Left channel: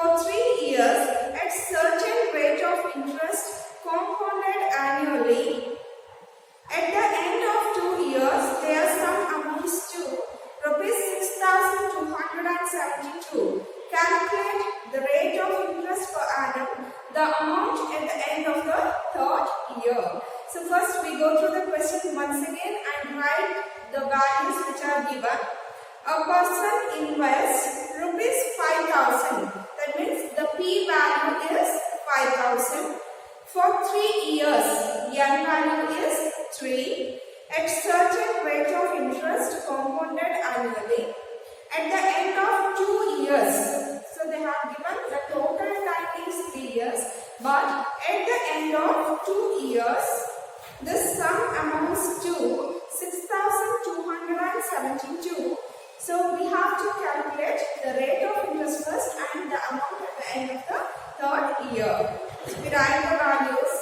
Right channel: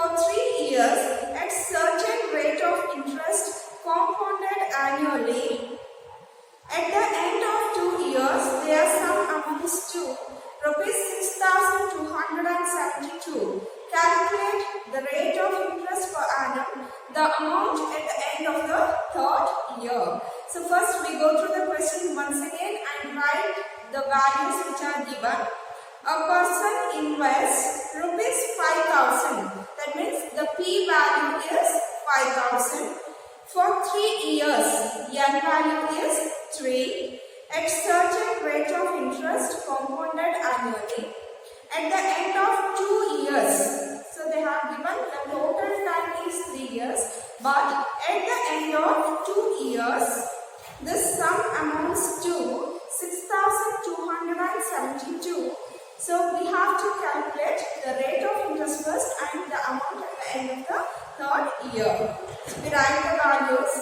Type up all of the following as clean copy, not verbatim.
for 3 years at certain rate of interest compounded annually. At the end of 2 years, their sum amounts to rupees 6,272. Calculate the rate of interest per annum, the amount at the end of the 3rd year. So first we go through the question once again and write the values which are given. A person invests rupees 5,000. That means the P value is 5,000 for 3 years. N value is 3 at certain rate of interest compounded annually. At the end of 2 years, so they have given the total time is 3 years, but at the end of 2 years, this sum amounts to 6,272. So we have to calculate the rate of interest first and the amount at the end of the 3rd year. We write the values.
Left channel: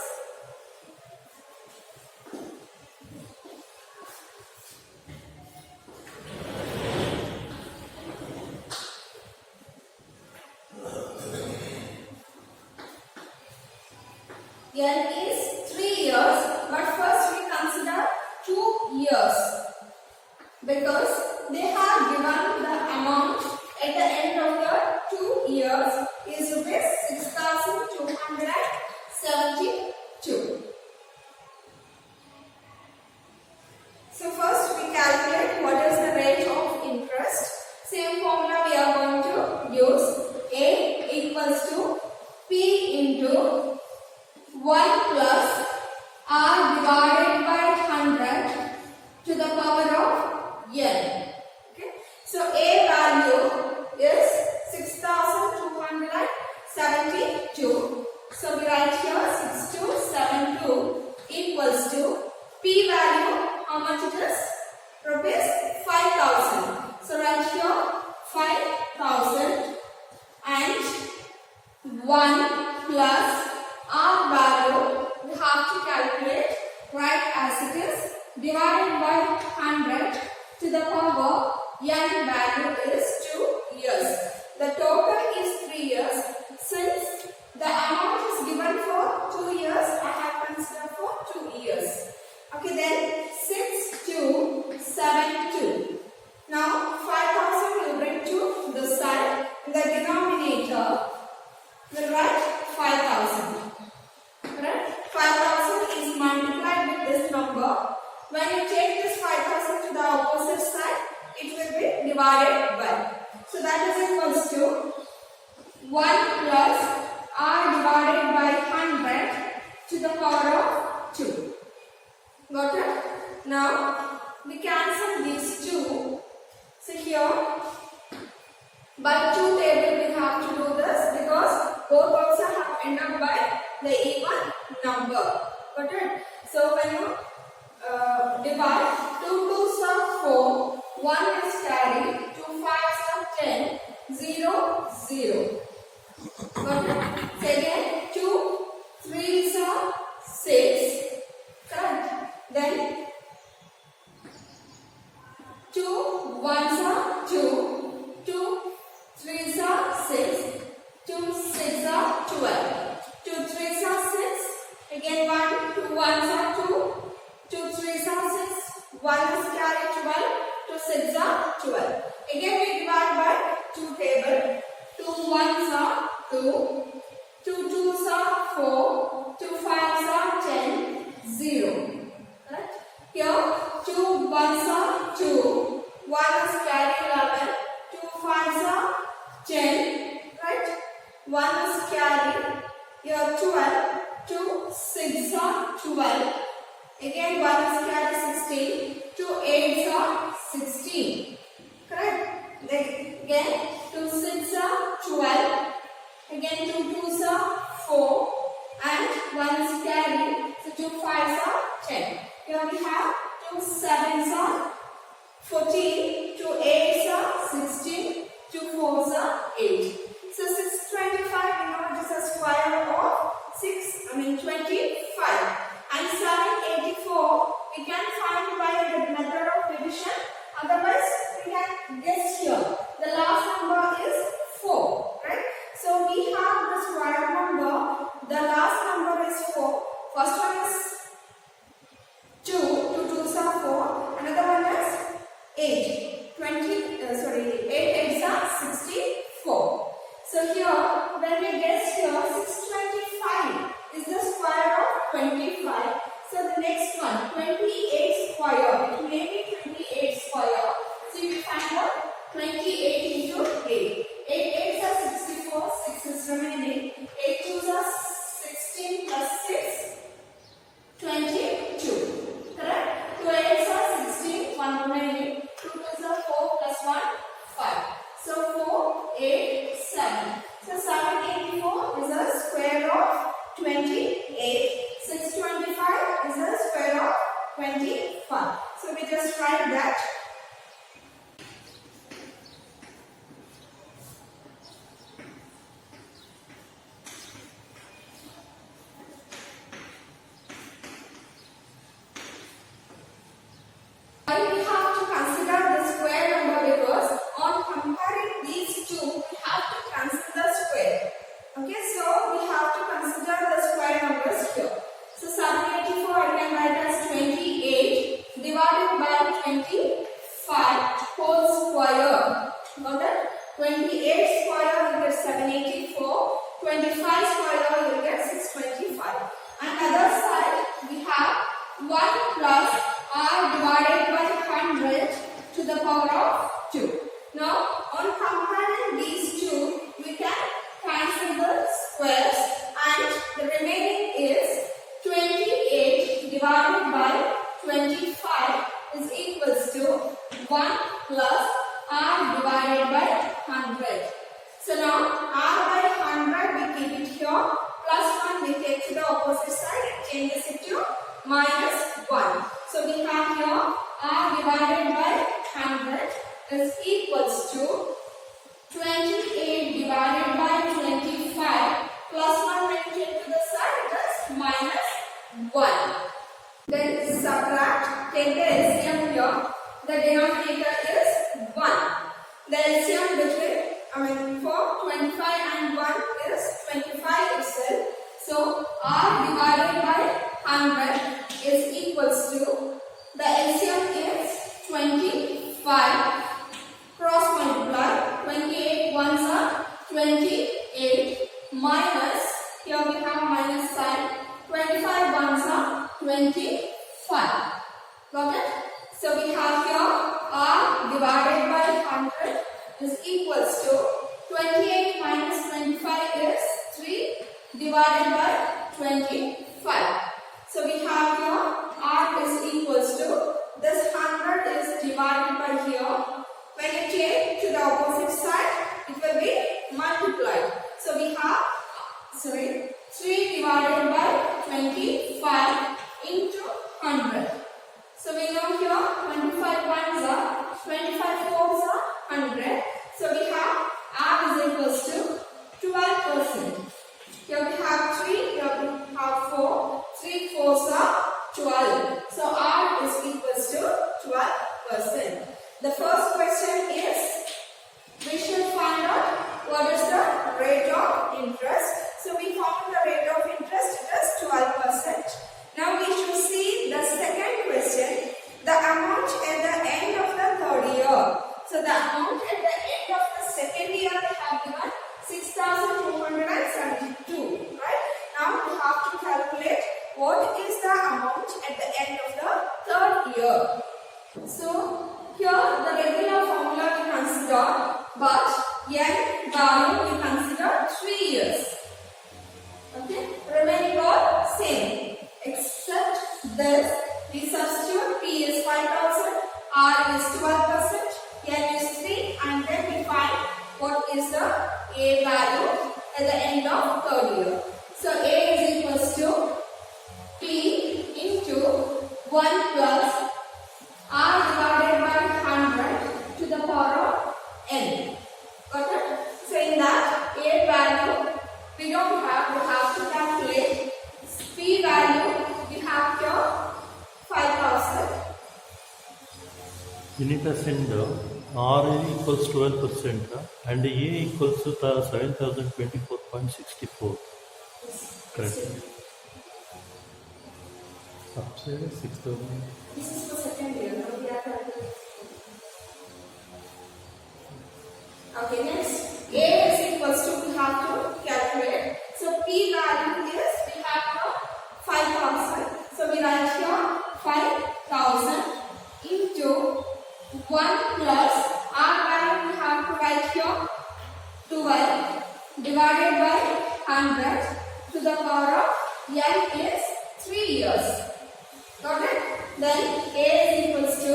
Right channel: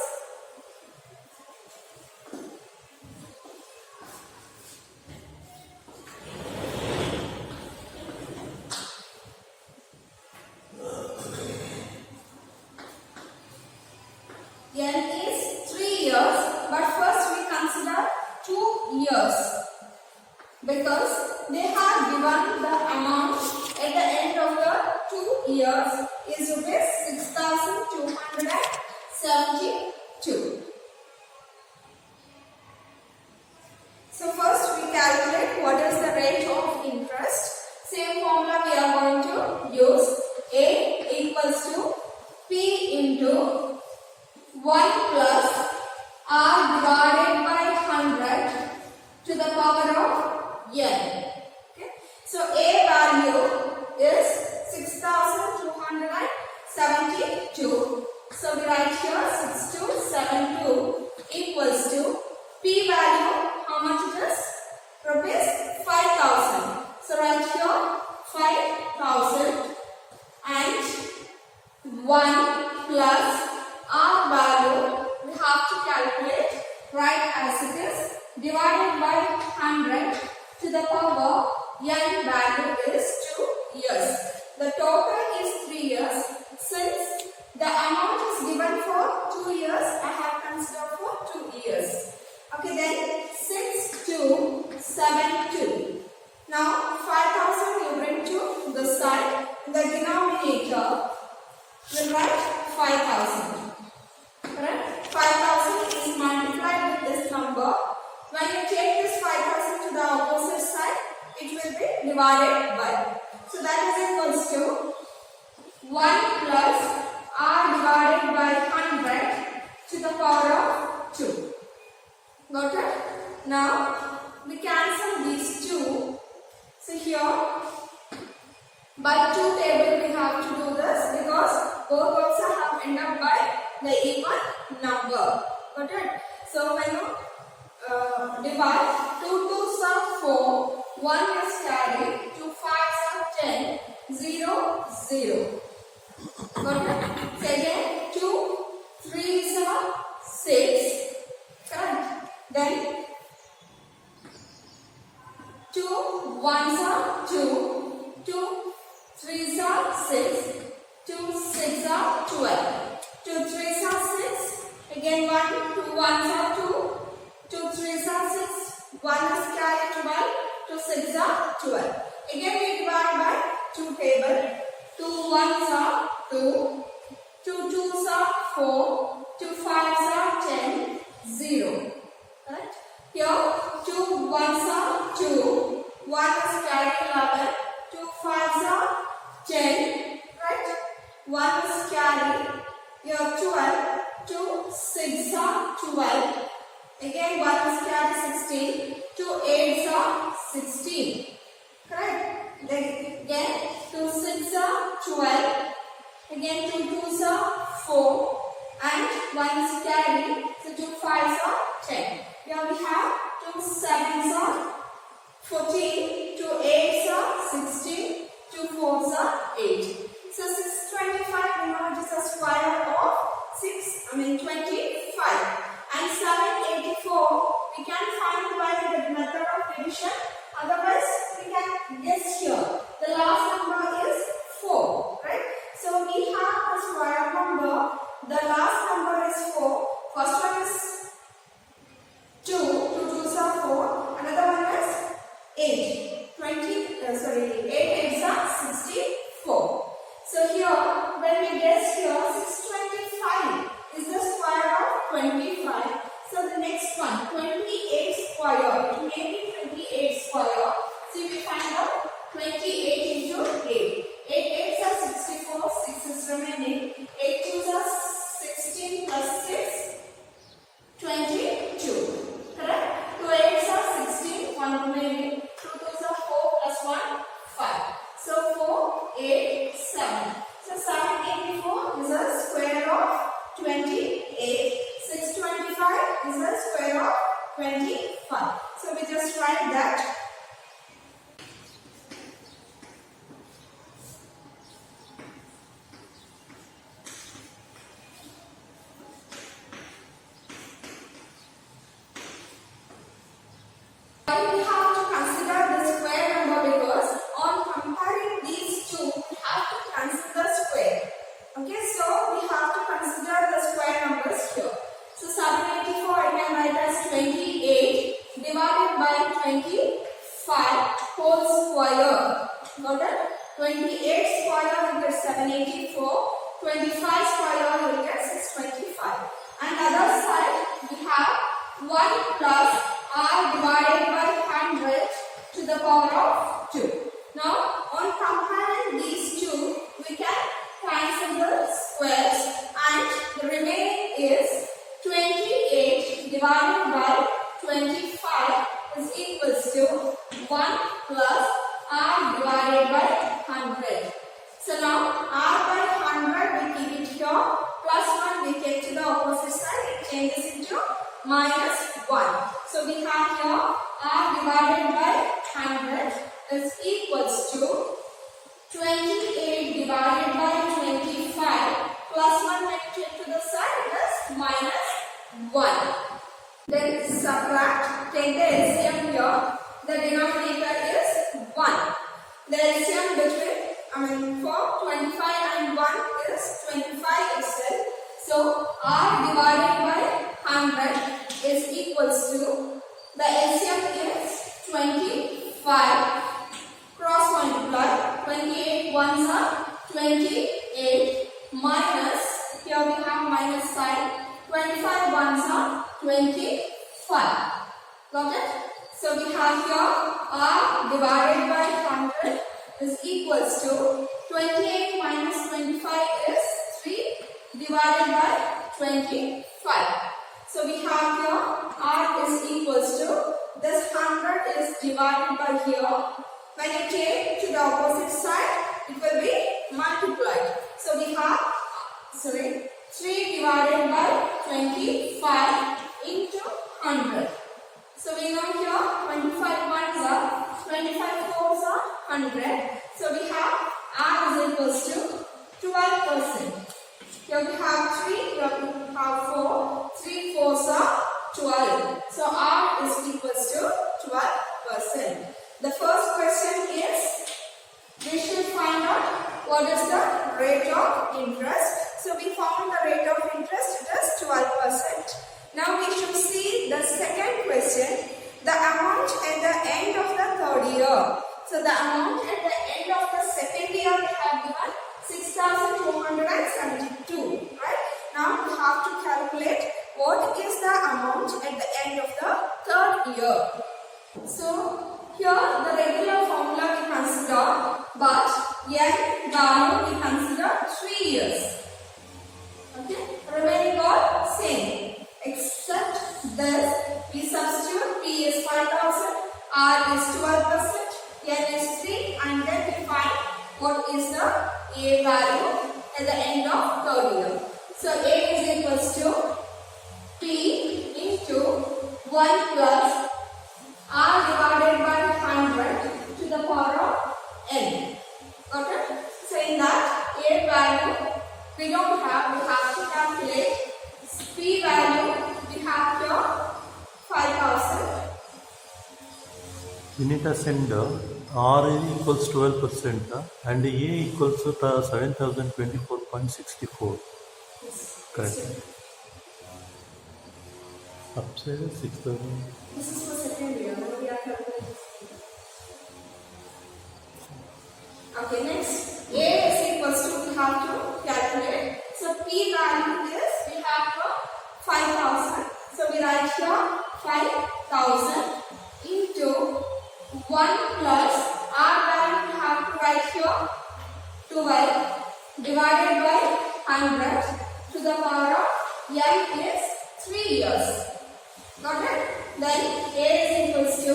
N is 3 years, but first we consider 2 years because they have given the amount at the end of the 2 years is rupees 6,272. So first we calculate what is the rate of interest. Same formula we are going to use. A equals to P into 1 plus R divided by 100 to the power of N. Okay. So A value is 6,272. So we write here 6272 equals to P value. How much it is? Rupees 5,000. So write here 5,000 and 1 plus R value we have to calculate right as it is divided by 100 to the power N value is 2 years. The total is 3 years. Since the amount is given for 2 years, I have considered for 2 years. Okay, then 6,272. Now 5,000 you bring to this side. In the denominator we'll write 5,000. Correct? 5,000 is multiplied with this number. When you take this 5,000 to the opposite side, it will be divided by. So that is equals to 1 plus R divided by 100 to the power of 2. Got it? Now we cancel these two. So here by 2 table we have to do this because both also have end up by the even number. Got it? So when you divide, 2 2s are 4, 1 is carried, 2 5s are 10, 0 0. Got it? So again 2 3s are 6. Correct? Then 2 1s are 2, 2 3s are 6, 2 6 are 12. 2 3s are 6. Again 1, 2 1s are 2, 2 3s are 6. 1 is carried 12, 2 6 are 12. Again we divide by 2 table. 2 1s are 2, 2 2s are 4, 2 5s are 10, 0. Right? Here 2 1s are 2, 1 is carried 11, 2 5s are 10. Right? 1 is carried. Here 12, 2 6 are 12. Again 1 is carried 16, 2 8s are 16. Correct? Then again 2 6 are 12. Again 2 2s are 4 and 1 is carried. So 2 5s are 10. Here we have 2 7s are 14, 2 8s are 16, 2 4s are 8. So 625 we know it is a square of 25. And 784 we can find by the method of division. Otherwise we can guess here. The last number is 4, right? So we So here, when we get here, 625 is the square of 25. So the next one, 28 square. It may be 28 square. So we find out 28 into 8. 8 8s are 64, 6 is remaining. 8 2s are 16 plus 6, 22. Correct? 2 8s are 16, 1 remaining. 2 2s are 4 plus 1, 5. So 4, 8, 7. So 784 is a square of 28. 625 is the square of 25. So we just write that. Why we have to consider the square number? Because on comparing these two, we have to consider the square. Okay, so we have to consider the square numbers here. So 784 I can write as 28 divided by 25 whole square. Got it? 28 square you get 784. 25 square you get 625. And other side we have 1 plus r divided by 100 to the power of 2. Now on comparing these two, we can cancel the squares and the remaining is 28 divided by 25 is equals to 1 plus r divided by 100. So now r by 100 we keep it here, plus 1 we take to the opposite side, it changes into minus 1. So we have here r divided by 100 is equals to 28 divided by 25 plus 1 when you take to the side it is minus 1. Then subtract, take the LCM here. The denominator is 1. The LCM for 25 and 1 is 25 itself. So r divided by 100 is equals to, the LCM is 25. Cross multiply, 28 ones are 28 minus, here we have minus sign, 25 ones are 25. Got it? So we have here r divided by 100 is equals to 28 minus 25 is 3 divided by 25. So we have here r is equals to, this 100 is divided by here. When you take to the opposite side, it will be multiplied. So we have 3 divided by 25 into 100. So we know here 25 ones are, 25 fours are 100. So we have r is equals to 12%. Here we have 3, here we have 4. 3 fours are 12. So r is equals to 12%. The first question is, we should find out what is the rate of interest. So we found the rate of interest, it is 12%. Now we should see the second question, the amount at the end of the third year. So the amount at the end of the second year they have given 6,472, right? Now we have to calculate what is the amount at the end of the third year. So here the regular formula we consider, but n value we consider 3 years. Okay, remaining all same. Except this, we substitute p is 5,000, r is 12%, n is 3, and then we find what is the a value at the end of third year. So a is equals to p into 1 plus r divided by 100 to the power of n. Got it? So in that a value we don't have, we have to calculate. P value we have here 5,000. You need to send R equals 12% and A equals to 7,024.64. Yes. Correct. Upside is 6,000. This is for second year. Now we are calculating. Okay, next A is equals to, we P value is, we have here 5,000. So we write here 5,000 into 1 plus R value we have to write here 12 divided by 100 to the power of n is 3 years. Got it? Then A is equals to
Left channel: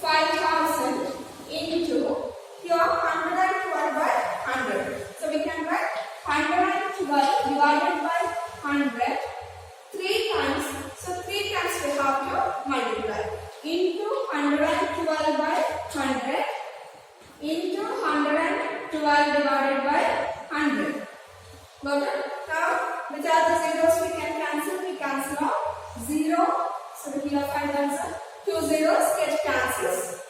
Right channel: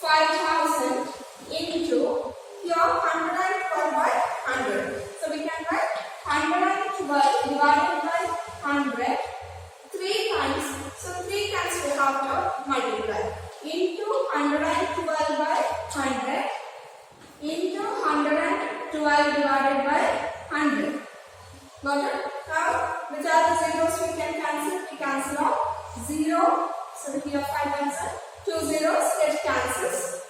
5,000 into here 112 by 100. So we can write 112 divided by 100 3 times. So 3 times we have to multiply into 112 by 100 into 112 divided by 100. Got it? Now which are the zeros we can cancel? We cancel out 0. So here 5,000. 2 zeros get cancels.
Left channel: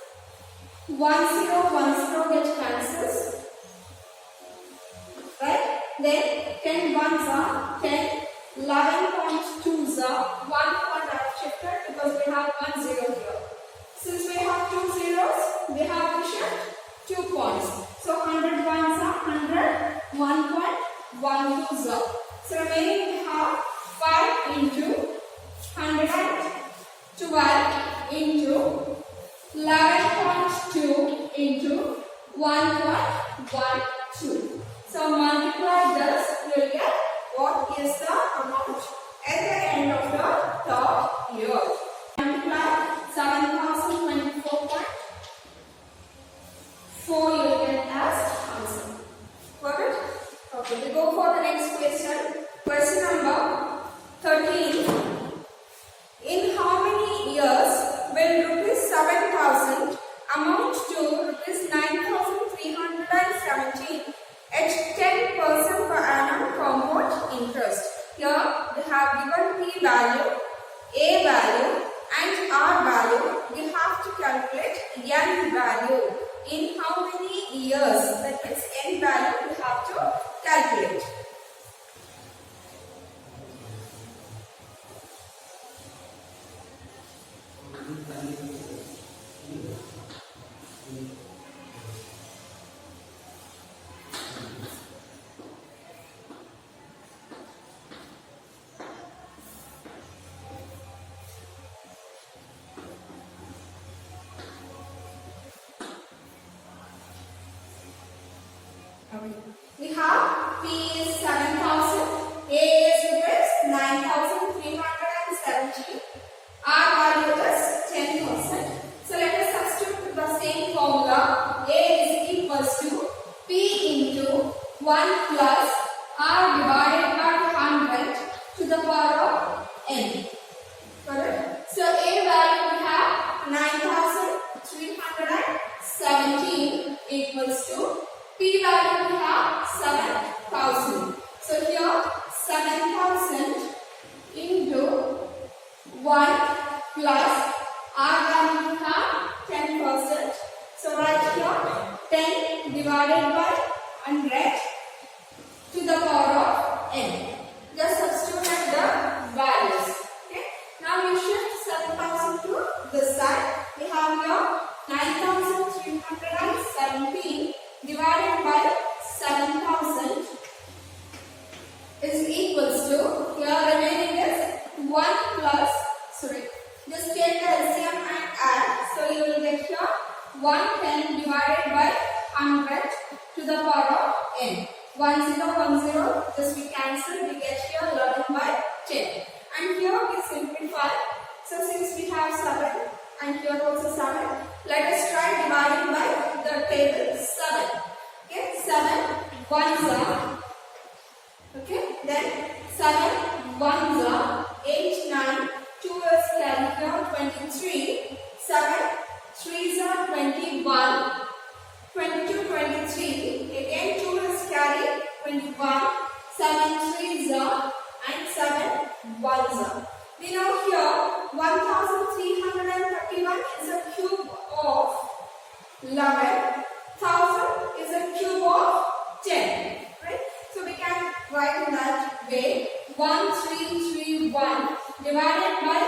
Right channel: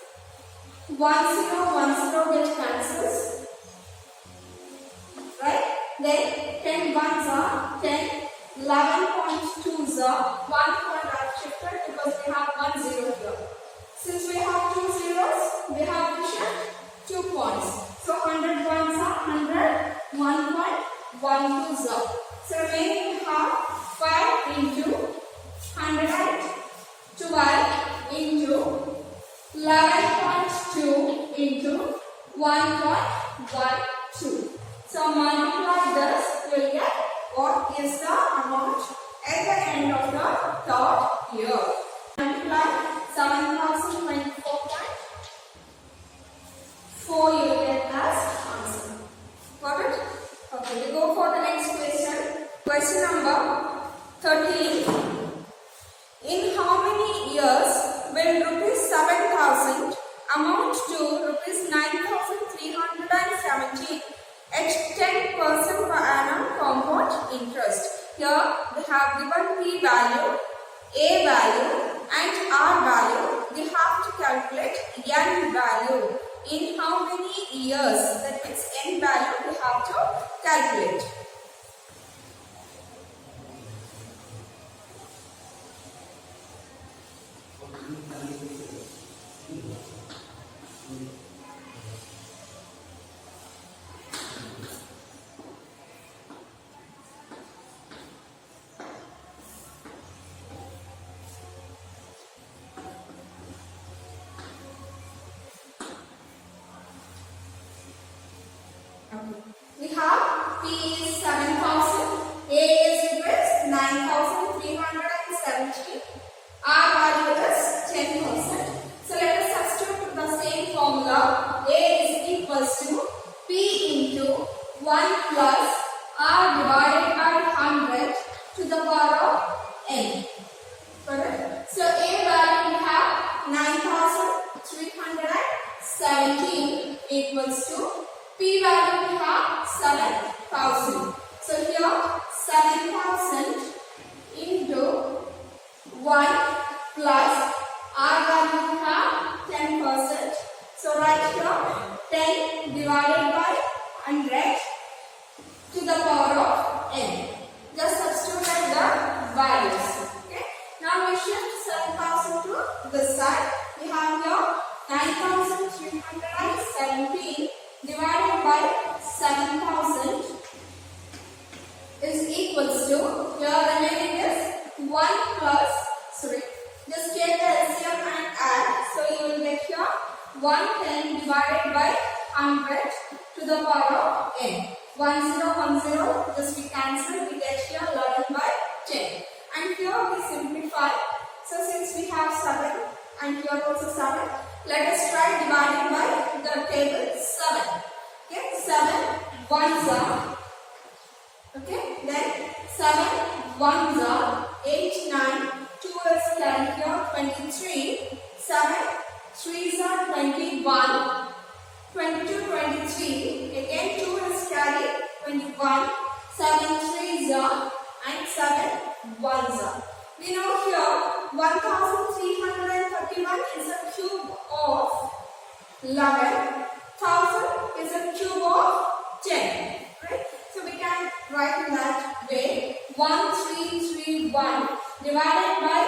1 0 get cancels. Right? Then 10 ones are 10. 11.2s are 1 point are shifted because we have 1 0 here. Since we have 2 zeros, we have to shift 2 points. So 100 ones are 100. 1.12s are. So remaining we have 5 into 112 into 11.2 into 1.12. So multiply this, you will get what is the amount at the end of the third year. Multiply 7,024.4 you will get as answer. Got it? Okay, we go for the next question. Question number 13. In how many years will rupees 7,000 amount to rupees 9,370 at 10% per annum compound interest? Here we have given P value, A value and R value. We have to calculate N value. In how many years? That means N value we have to calculate. We have P is 7,000, A is rupees 9,370, R value is 10%. So let us substitute the same formula. A is equals to P into 1 plus R divided by 100 to the power of n. Correct? So A value we have 9,317 equals to P value we have 7,000. So here 7,000 into 1 plus R value we have 10%. So right here 10 divided by 100 to the power of n. Just substitute the values. Okay. Now we shift 7,000 to this side. We have here 9,317 divided by 7,000 is equals to, here remaining is 1 plus, just take the LCM and add. So you will get here 110 divided by 100 to the power of n. 1010, just we cancel, we get here 11 by 10. And here we simplify. So since we have 7 and here also 7, let us try dividing by the table 7. Okay, 7 ones are, okay, then 7 ones are 8, 9, 2 is carried here 23, 7 3s are 21, 22, 23, again 2 is carried 21, 7 3s are and 7 ones are. We know here 1,331 is a cube of 11. 1,000 is a cube of 10. Right? So we can write in that way. 1331 divided by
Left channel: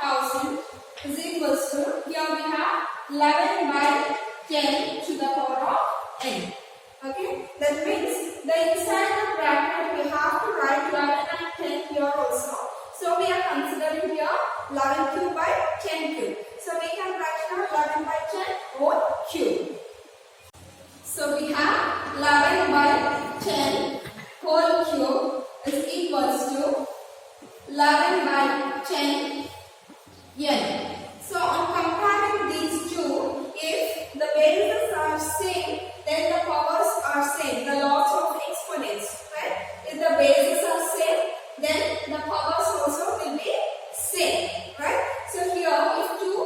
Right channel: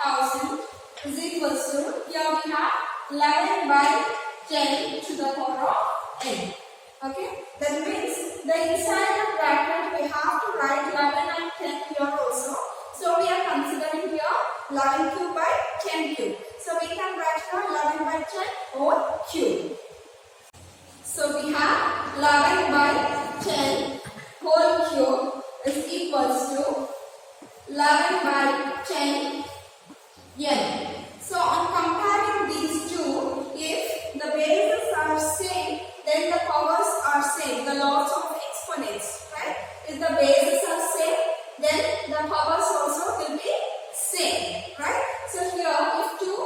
1,000 is equals to, here we have 11 by 10 to the power of n. Okay? That means the inside the bracket we have to write 11 and 10 here also. So we are considering here 11 cube by 10 cube. So we can write here 11 by 10 whole cube. So we have 11 by 10 whole cube is equals to 11 by 10 n. So on comparing these two, if the bases are same, then the powers are same, the laws of exponents, right? If the bases are same, then the powers also will be same, right? So here, if two,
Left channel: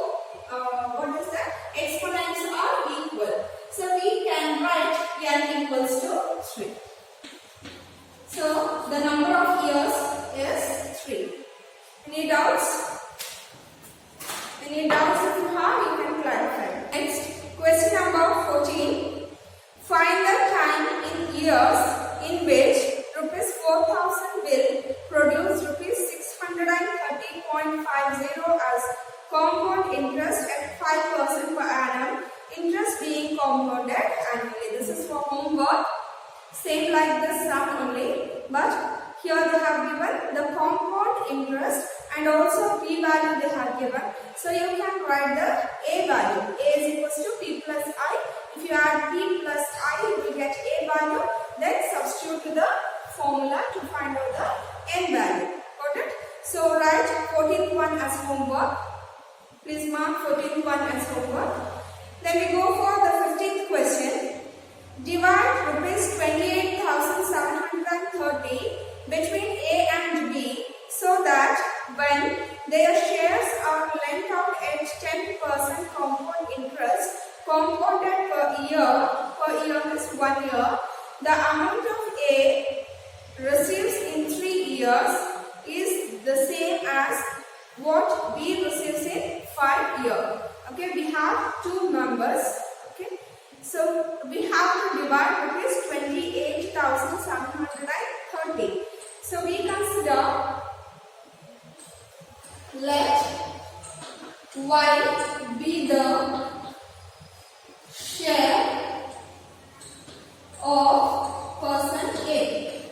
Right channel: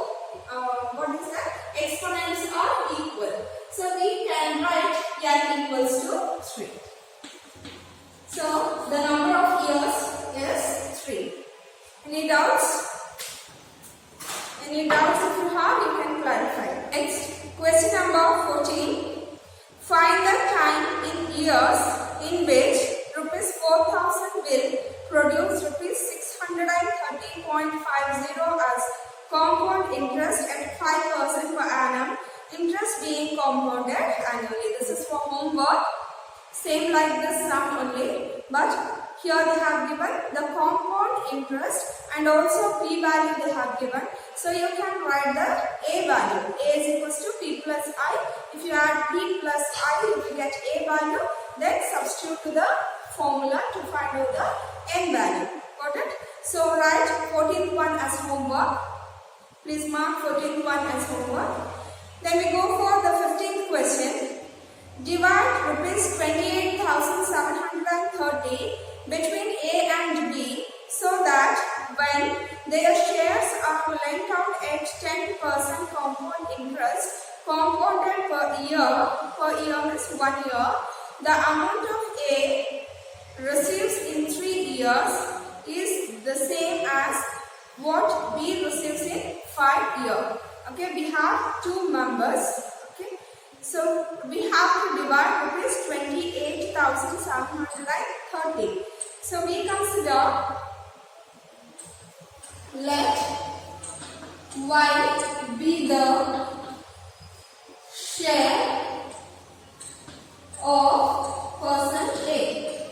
exponents are equal, so we can write n equals to 3. So the number of years is 3. Any doubts? Any doubts if you have, you can clarify. Next, question number 14. Find the time in years in which rupees 4,000 will produce rupees 630.50 as compound interest at 5% per annum, interest being compounded annually. This is for homework. Same like this sum only, but here they have given the compound interest and also p value they have given. So you can write the a value. A is equals to p plus I. If you add p plus I, you will get a value. Then substitute to the formula to find out the n value. Got it? So write 14th one as homework. Please mark 14th one as homework. Then we go for the 15th question. Divide rupees 28,730 between A and B so that when their shares are lent out at 10% compound interest compounded per year is 1 year, the amount of A receives in 3 years is the same as what B receives in 5 years. Okay, we have two members. Okay, so we have to divide rupees 28,730. So we consider, let Y be the share of person A.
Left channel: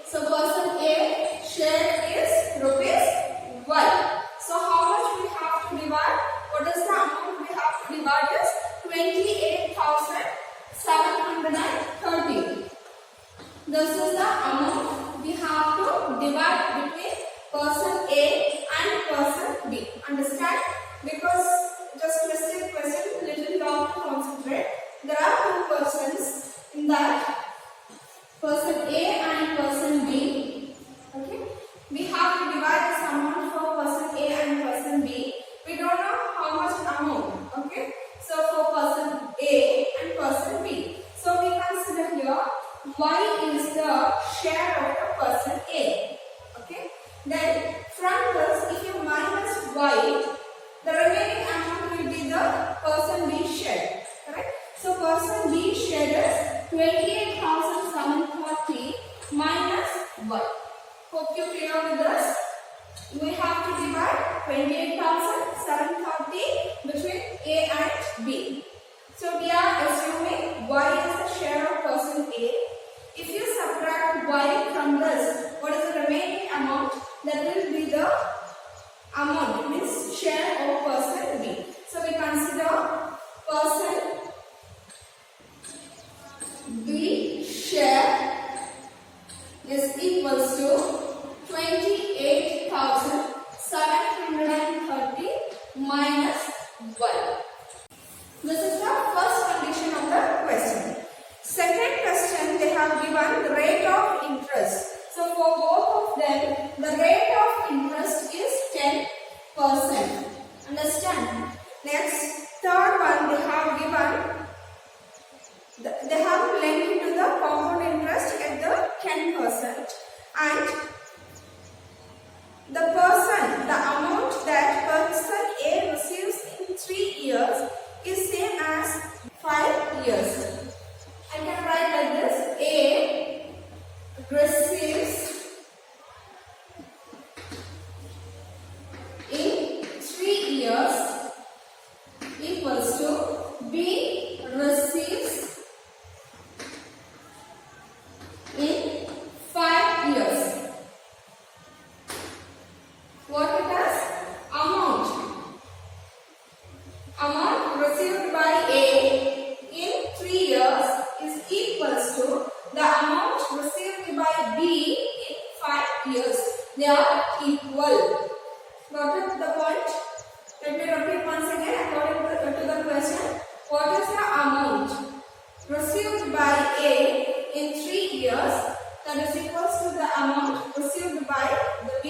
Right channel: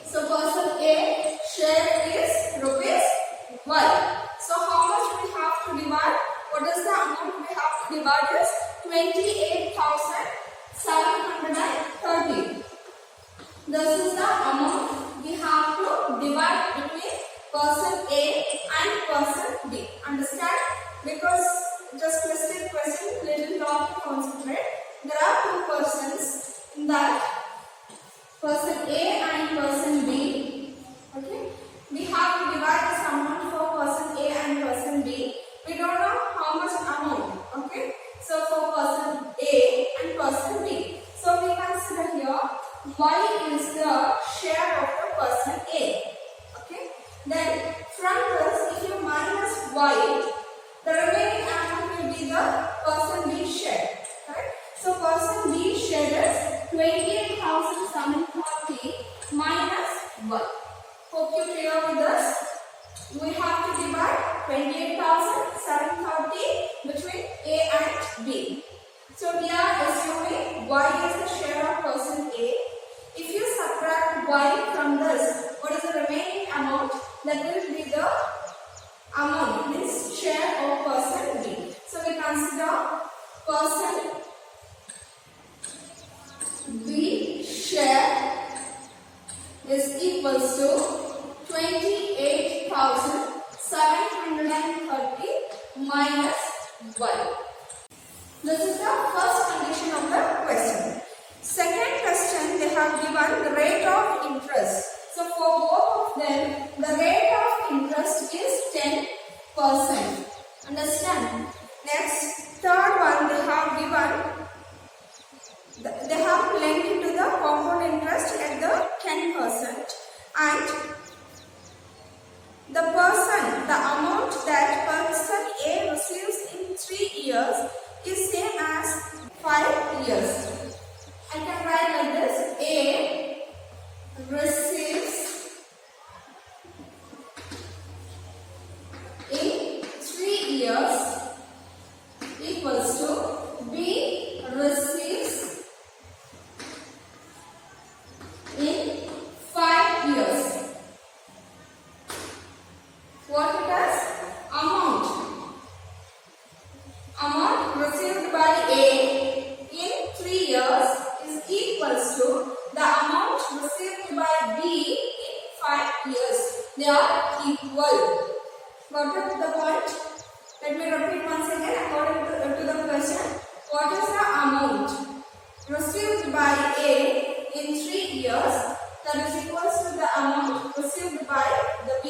So person A share is rupees Y. So how much we have to divide? What is the amount we have to divide is 28,730. This is the amount we have to divide between person A and person B. Understand? Because just question, little long to concentrate. There are two persons in that, person A and person B. Okay, we have to divide this amount for person A and person B. We don't know how much amount. Okay, so for person A and person B, so we consider here Y is the share of the person A. Okay, then from this, if you minus Y, the remaining amount will be the person B share. Correct? So person B share is 28,730 minus Y. Hope you clear with this. We have to divide 28,730 between A and B. So we are assuming Y is the share of person A. If you subtract Y from this, what is the remaining amount? That will be the amount, means share of person B. So we consider person B share is equals to 28,730 minus Y. This is the first condition of the question. Second question, they have given the rate of interest. So for both of them, the rate of interest is 10%. Understand? Next, third one, they have given, they have linked to the compound interest at the 10%, and the amount that person A receives in 3 years is same as 5 years. I can write like this: A receives in 3 years equals to B receives in 5 years. years. They are equal. Got it, the point? Let me repeat once again according to the question. What is the amount received by A in 3 years that is equals to the amount received by the B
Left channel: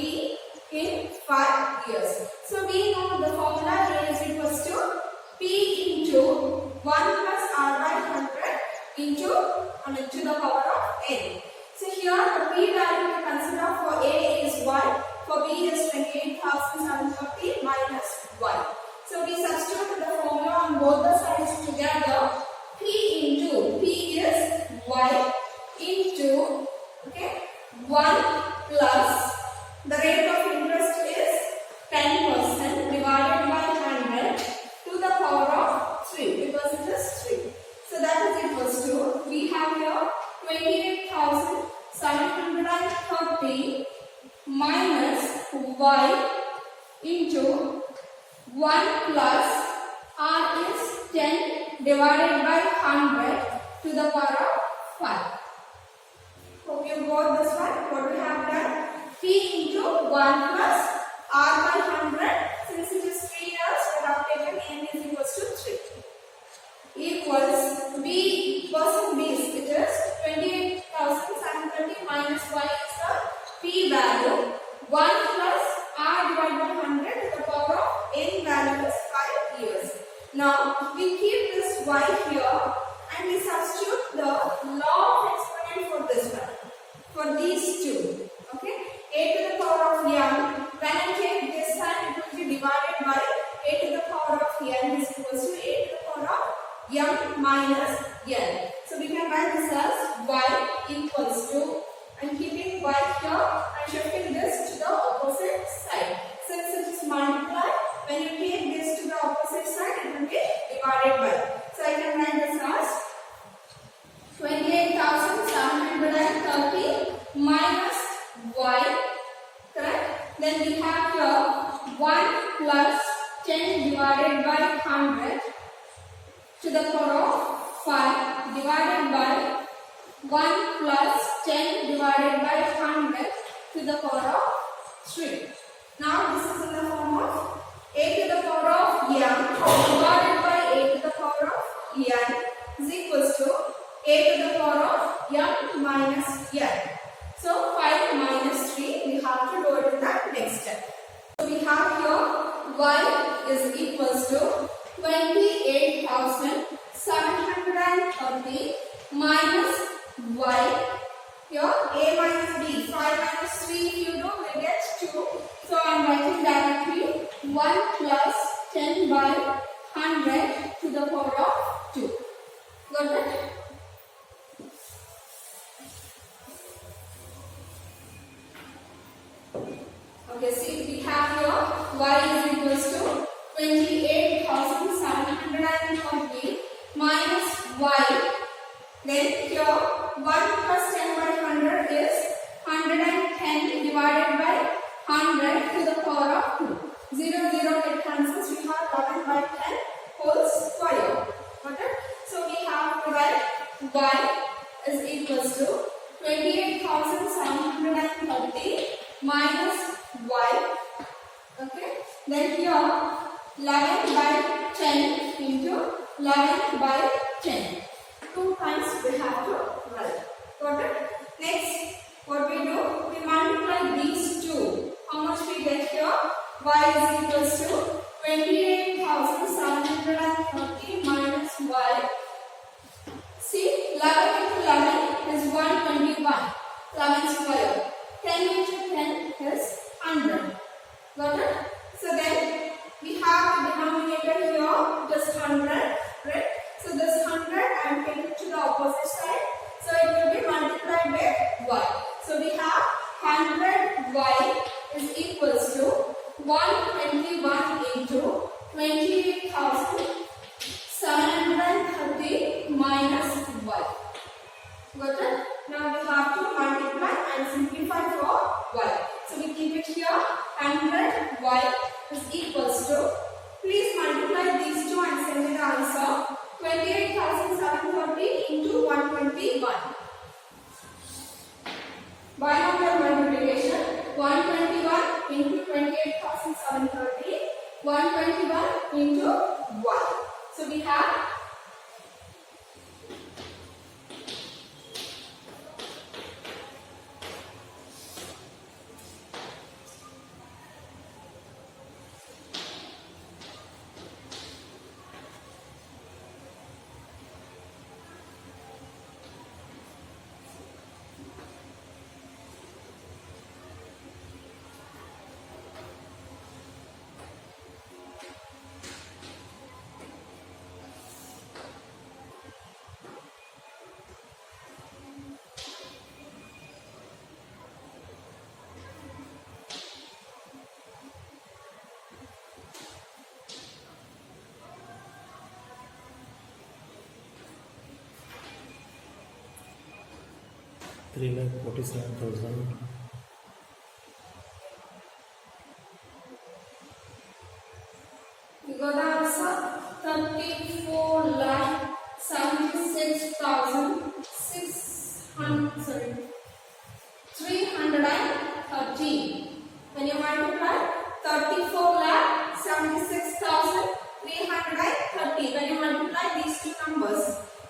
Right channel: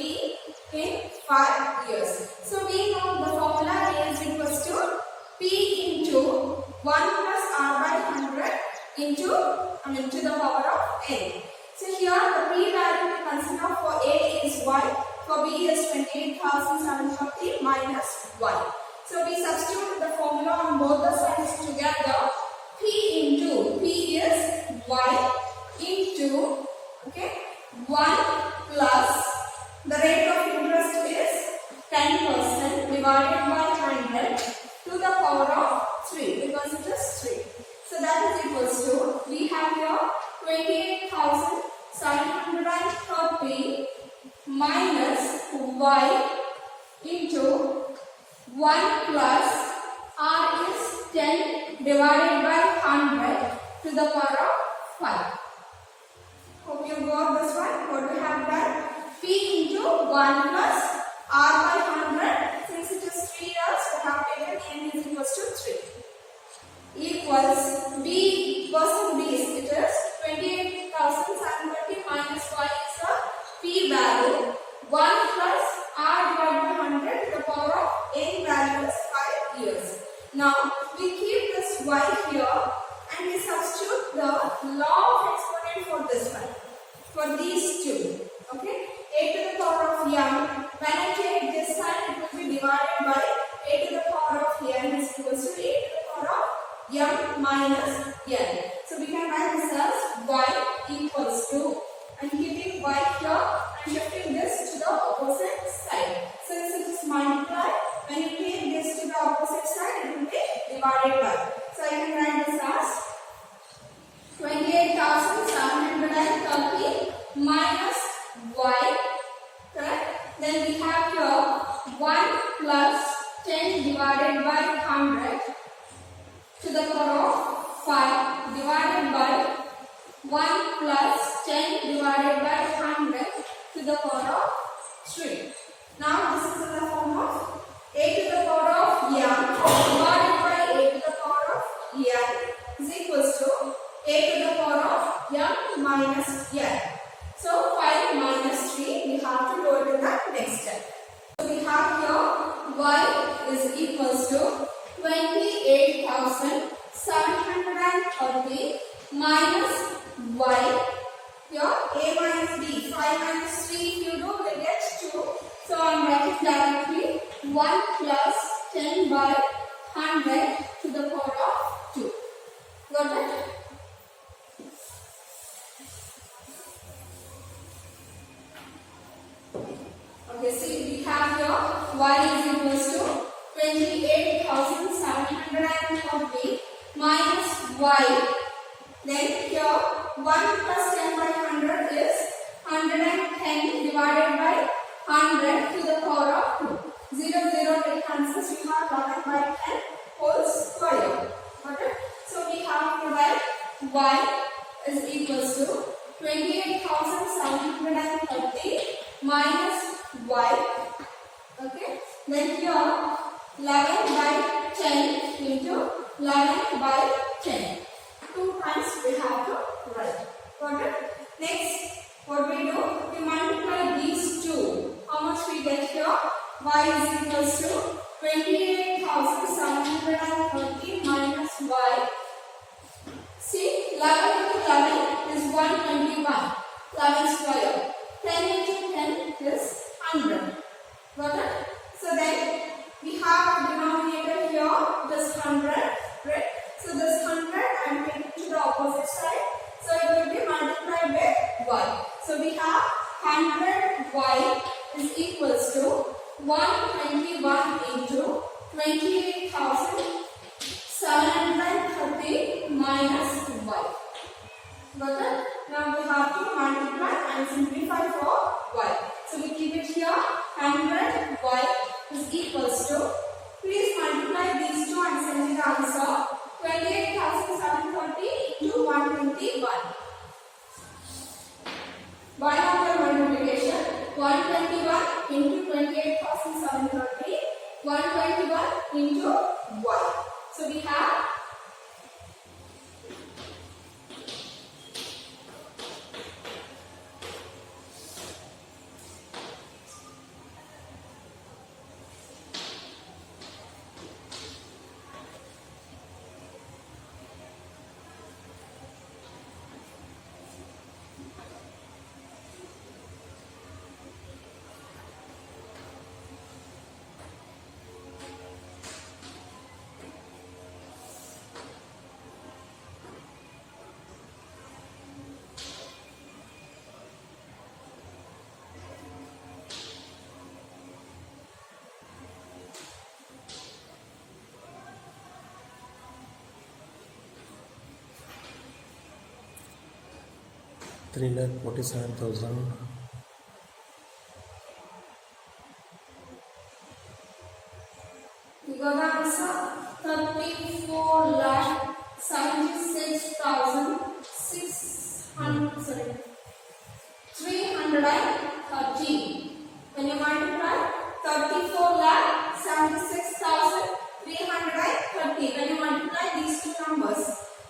in 5 years? So we know the formula A is equals to P into 1 plus R by 100 into to the power of N. So here the P value we consider for A is 1, for B is 28,730 minus 1. So we substitute the formula on both the sides together. P is Y into 1 plus the rate of interest is 10% divided by 100 to the power of 3 because it is 3. So that is equals to, we have here 28,730 minus Y into 1 plus R is 10 divided by 100 to the power of 5. Hope you got this one. What we have done? P into 1 plus R by 100. Since it is 3 years, we have taken N is equals to 3. Equals B, percent B is, it is 28,730 minus Y is the P value. 1 plus R divided by 100 to the power of N value is 5 years. Now, we keep this Y here and we substitute the law of exponent for this one. For these two. Okay? A to the power of m. When I take this side, it will be divided by a to the power of n is equals to a to the power of m minus n. So we can write this as y equals to, I'm keeping y here and shifting this to the opposite side. Since it is multiplied, when you take this to the opposite side, it will be divided by. So I can write this as 28,730 minus y, correct? Then we have here 1 plus 10 divided by 100 to the power of 5 divided by 1 plus 10 divided by 100 to the power of 3. Now this is in the form of a to the power of m divided by a to the power of n is equals to a to the power of m minus n. So 5 minus 3, we have to do it in the next step. So we have here y is equals to 28,730 minus y. Here a minus b, 5 minus 3 if you do, we get 2. So I am writing directly 1 plus 10 by 100 to the power of 2. Got it? Okay, see, we have here y is equals to 28,740 minus y. Then here 1 plus 10 by 100 is 110 divided by 100 to the power of 2. 0, 0 get cancels. We have 11 by 10 whole square. Got it? So we have to write y is equals to 28,730 minus y. Okay? Then here 11 by 10 into 11 by 10. 2 times we have to write. Got it? Next, what we do? We multiply these two. How much we get here? Y is equals to 28,730 minus y. See, 11 into 11 is 121. 11 square. 10 into 10 is 100. Got it? So then we have the denominator here, this 100, right? So this 100 I am taking to the opposite side. So it will be multiplied with y. So we have 100y is equals to 121 into 28,730 minus y. Got it? Now we have to multiply and simplify for y. So we keep it here. 100y is equals to, please multiply these two and send me the answer. 28,730 into 121. Binomial multiplication. 121 into 28,730. 121 into 1. So we have 3,47,000. we got the answer 330. When you multiply 34,76,330. When you multiply these two numbers,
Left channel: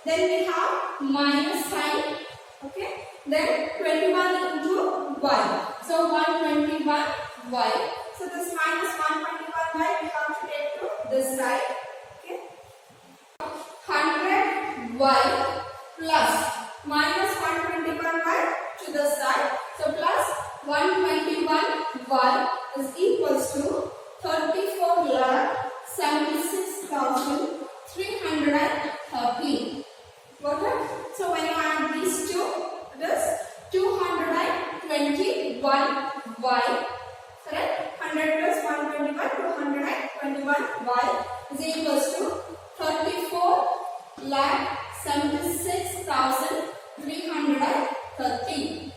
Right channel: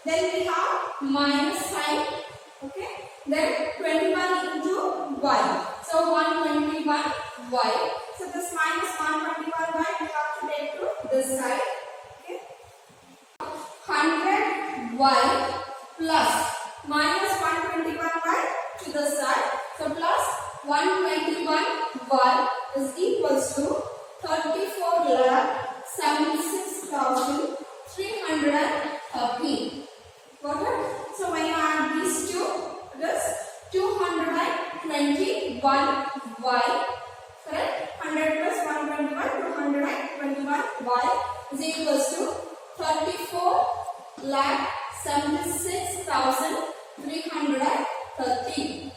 then we have minus sign. Okay. Then 21 into y. So 121y. So this minus 121y we have to take to this side. Okay. 100y plus minus 121y to the side. So plus 121y is equals to 34,76,330. Got it? So when you add these two, it is 221y. Correct? 100 plus 121, 221y is equals to 34,76,330.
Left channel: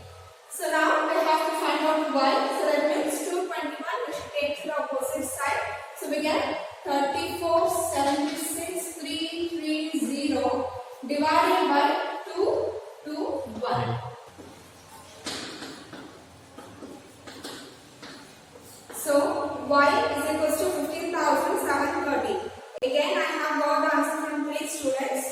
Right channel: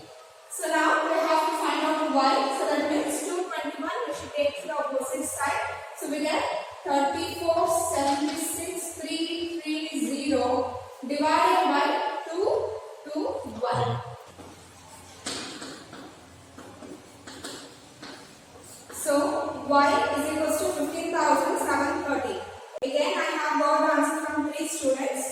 So now we have to find out y. So that means 221 we should take to the opposite side. So we get 34,76,330 divided by 2 to 1. So y is equals to 15,730. Again I have got the answer from 3 students.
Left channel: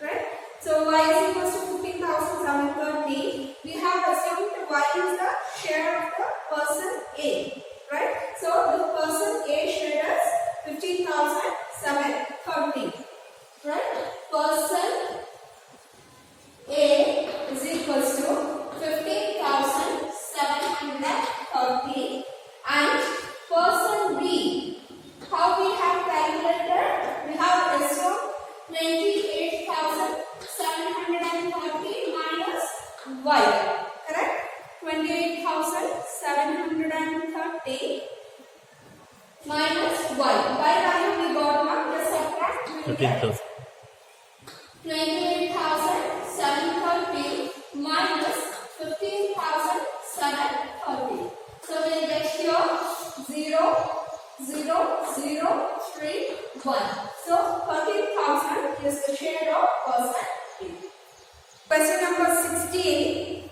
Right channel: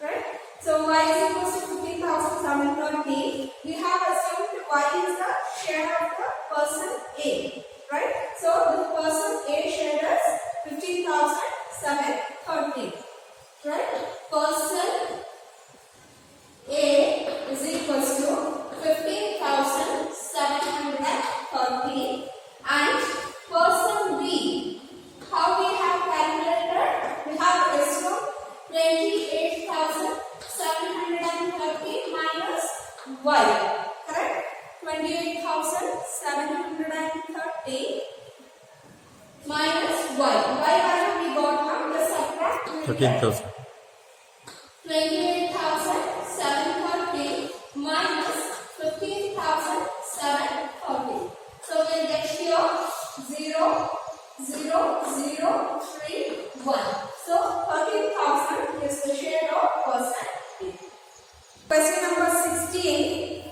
Right? So y is equals to 15,730. We have assumed y is the share of the person A. Right? So the person A shared us 15,730. Right? Person A is equals to 15,730 and person B, how we have calculated? We have assumed 28,730 minus y. Correct? 28,730 minus y. Y value we got now. Just subtract 13,000. 28,730 minus 15,730. So we get here 0, 0, 0, 3, 1. So 13,000 is the share of person B. Question number 16.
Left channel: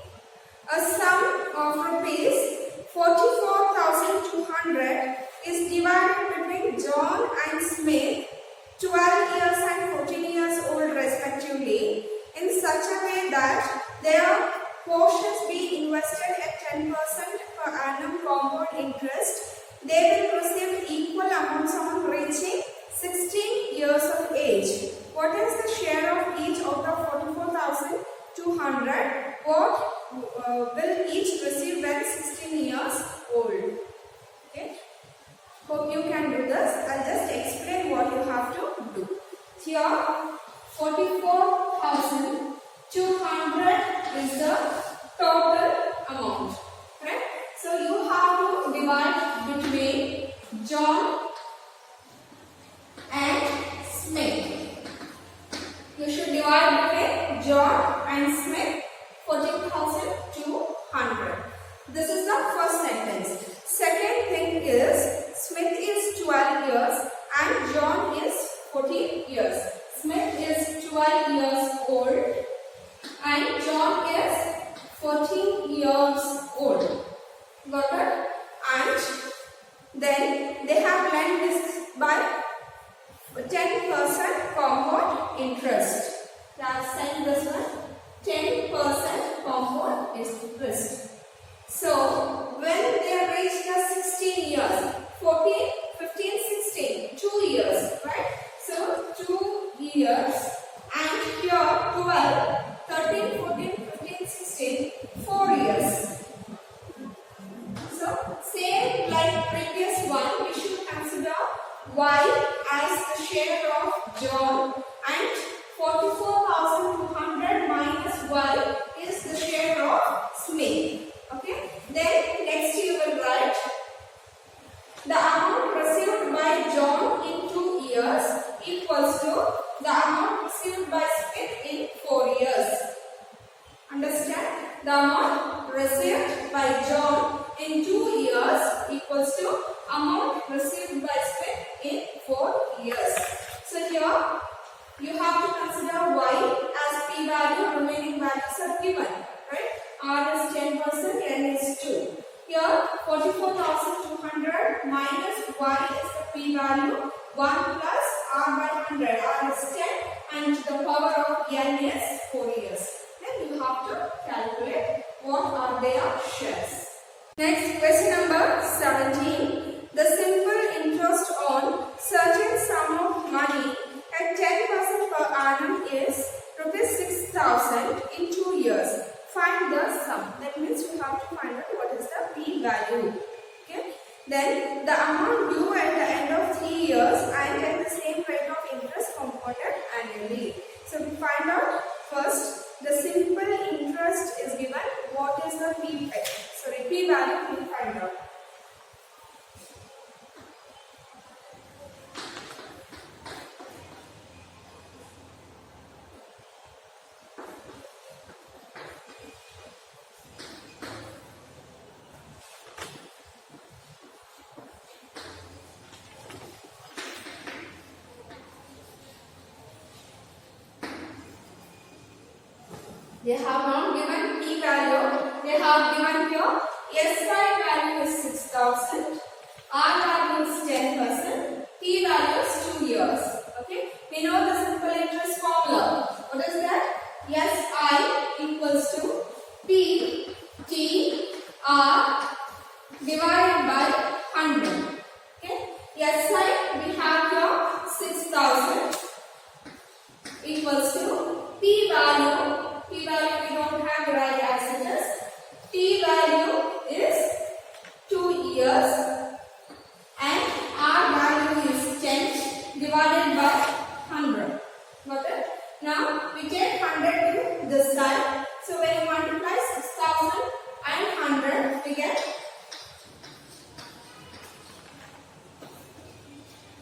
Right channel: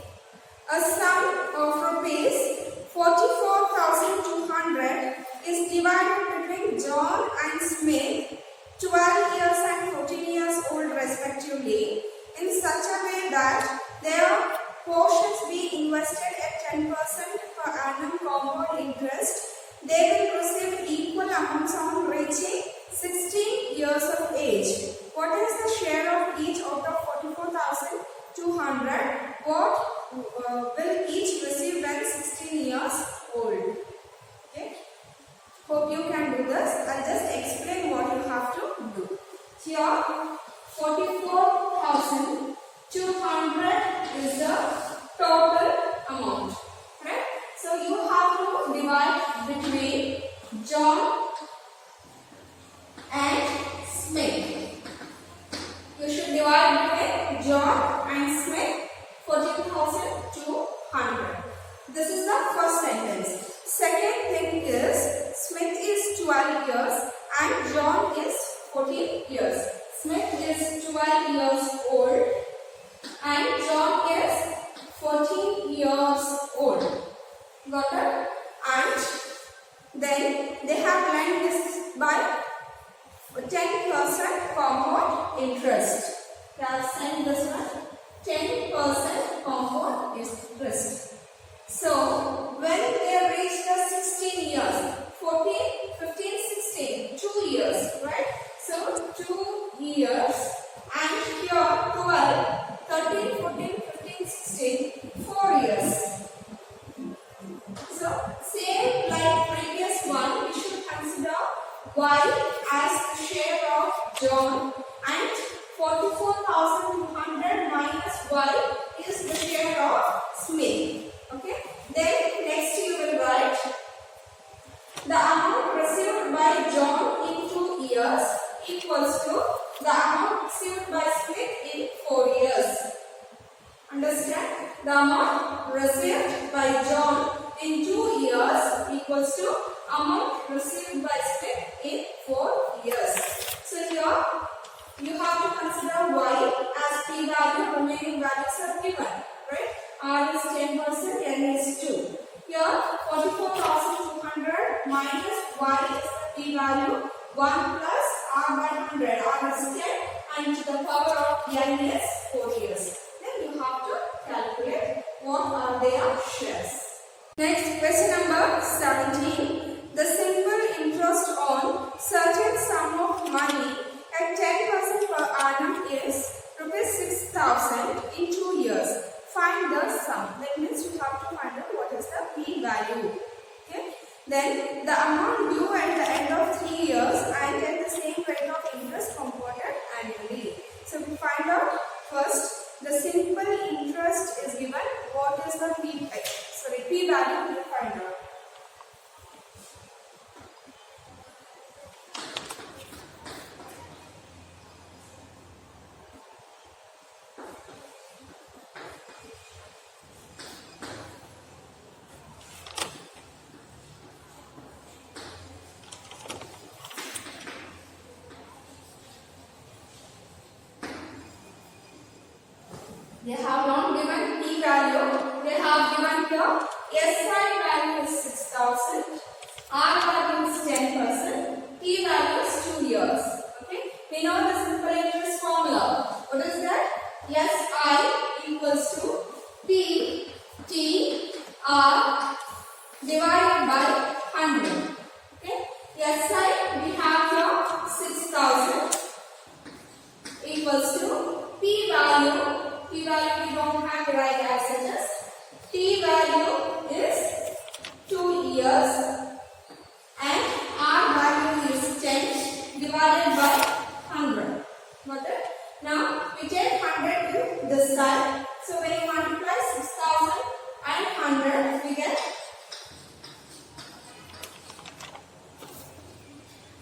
A sum of rupees 44,200 is divided between John and Smith, 12 years and 14 years old respectively, in such a way that their portions be invested at 10% per annum compound interest. They will receive equal amounts on reaching 16 years of age. What is the share of each out of 44,200? What will each receive when 16 years old? Okay. Hope you can do this. I'll just explain what you have to do. Here 44,200 is the total amount. Right? So you have to divide between John and Smith. You should divide between John and Smith 14,200. This is the first sentence. Second thing is Smith is 12 years and John is 14 years. Smith is 12 years old and John is 14 years old. Got it? Okay. Then next you will write the amount received by John in 2 years equals to the amount received by Smith in 4 years. Understand? The amount received by John in 2 years equals to amount received by Smith in 4 years. So here you have to consider y as p value, remaining values are given, right? R is 10%, n is 2. Here 44,200 minus y is the p value, 1 plus r by 100, r is 10 and the power of n is 4 years. Then you have to calculate what are their shares. Next, question number 17. The simple interest on certain sum of money at 10% per annum is rupees 6,000 in 2 years. Find the sum. That means you have to find out what is the p value. Okay. Then the amount due at the end of 3 years and at the same rate of interest compounded annually. So we find out first the simple interest is given. What is the p value we will find out. They have not given p value. They have given here SI value is 6,000, R value is 10%, P value is 2 years. Okay. We know the simple interest formula. What is that? SI equals to P T R divided by 100. Okay. SI we have here 6,000 equals to P value. P value we don't have, right as it is. T value is 2 years and R value is 10 divided by 100. Got it? Now we take 100 to this side. So when you multiply 6,000 and 100, we get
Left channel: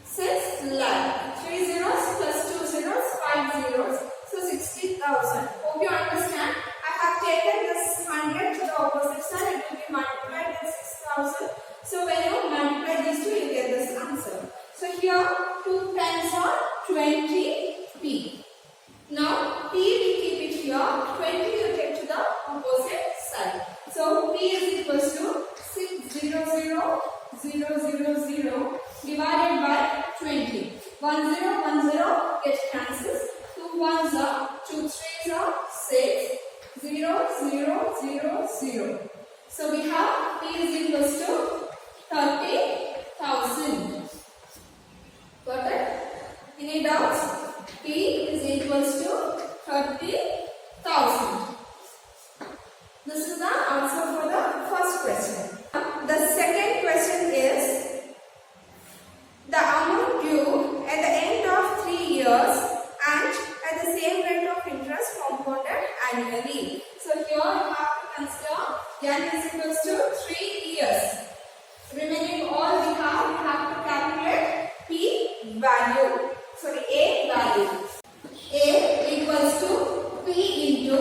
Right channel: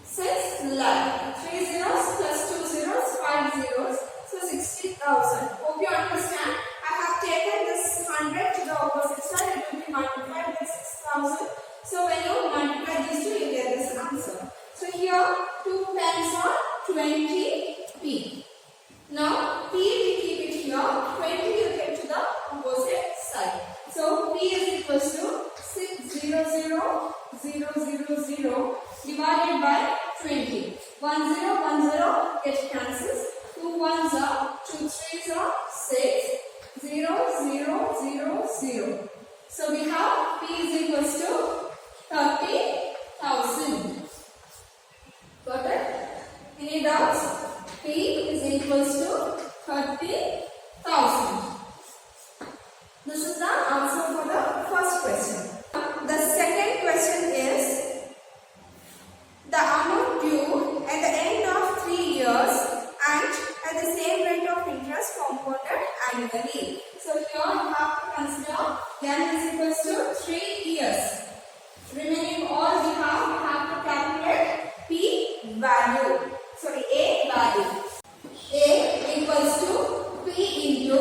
6 lakh. 3 zeros plus 2 zeros, 5 zeros. So 60,000. Hope you understand. I have taken this 100 to the opposite side. It will be multiplied with 6,000. So when you multiply these two, you get this answer. So here 2 tens are 20p. Now p we keep it here. 20 you take to the opposite side. So p is equals to 600,000 divided by 20. 1 0 1 0 get cancels. 2 ones are 2 threes are 6. 0 0 0 0. So we have p is equals to 30,000. Got it? Any doubts? P is equals to 30,000. This is the answer for the first question. The second question is the amount due at the end of 3 years and at the same rate of interest compounded annually. So here you have to consider n is equals to 3 years. Remaining all we have to calculate p value. A value. A equals to p into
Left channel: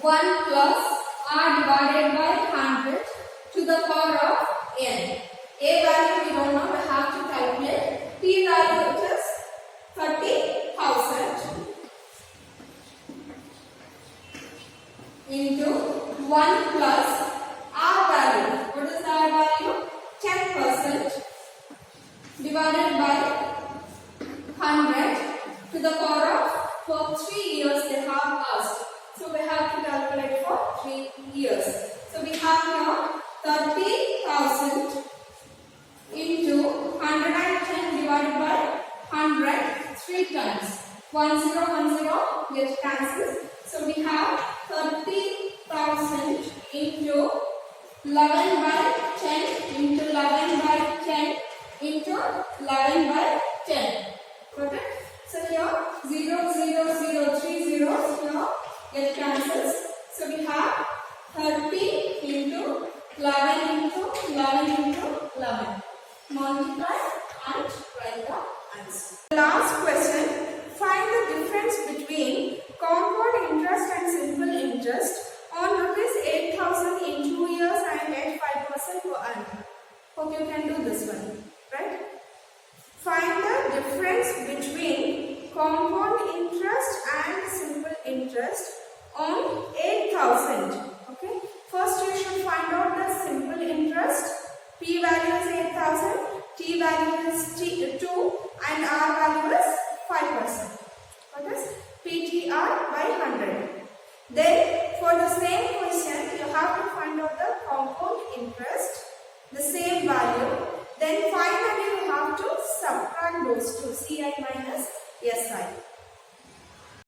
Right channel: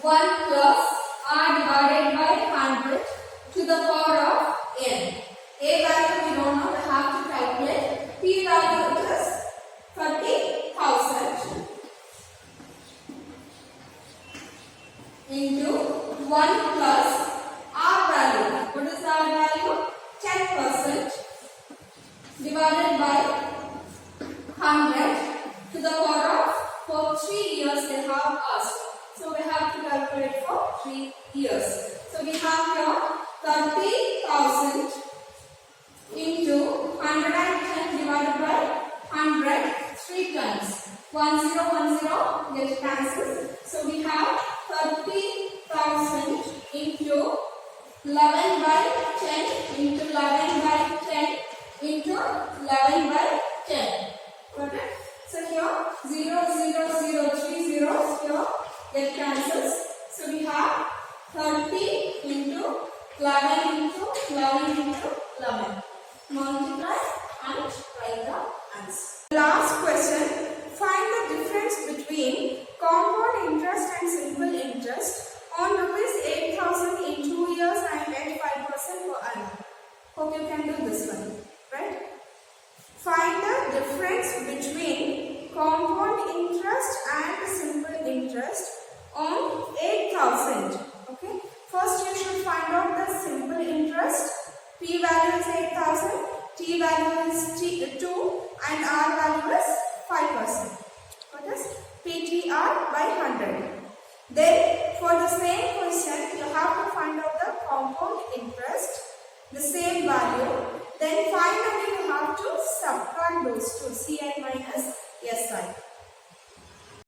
1 plus r divided by 100 to the power of n. A value we don't know, we have to calculate. P value it is 30,000 into 1 plus R value. What is the R value? 10% divided by 100 to the power of, for 3 years they have asked. So we have to calculate for 3 years. So we have here 30,000 into 110 divided by 100 3 times. 1 0 1 0 get cancelled. So we have 30,000 into 11 by 10 into 11 by 10 into 11 by 10. Got it? So here 0 0 0 3 zeros here get cancels. So we have 30 into 11 into 11 into 11. Multiply and write the answer. Last question. Find the difference between compound interest and simple interest on rupees 8,000 in 2 years and at 5% per annum. Hope you can do this one, right? Find the difference between compound interest and simple interest on 8,000. Okay. First you should find out the simple interest. P value is 8,000, T value is 2 and R value is 5%. What is PTR by 100. Then for the same question you have to find out the compound interest, the same value. Then finally you have to subtract those two, Ci minus Si.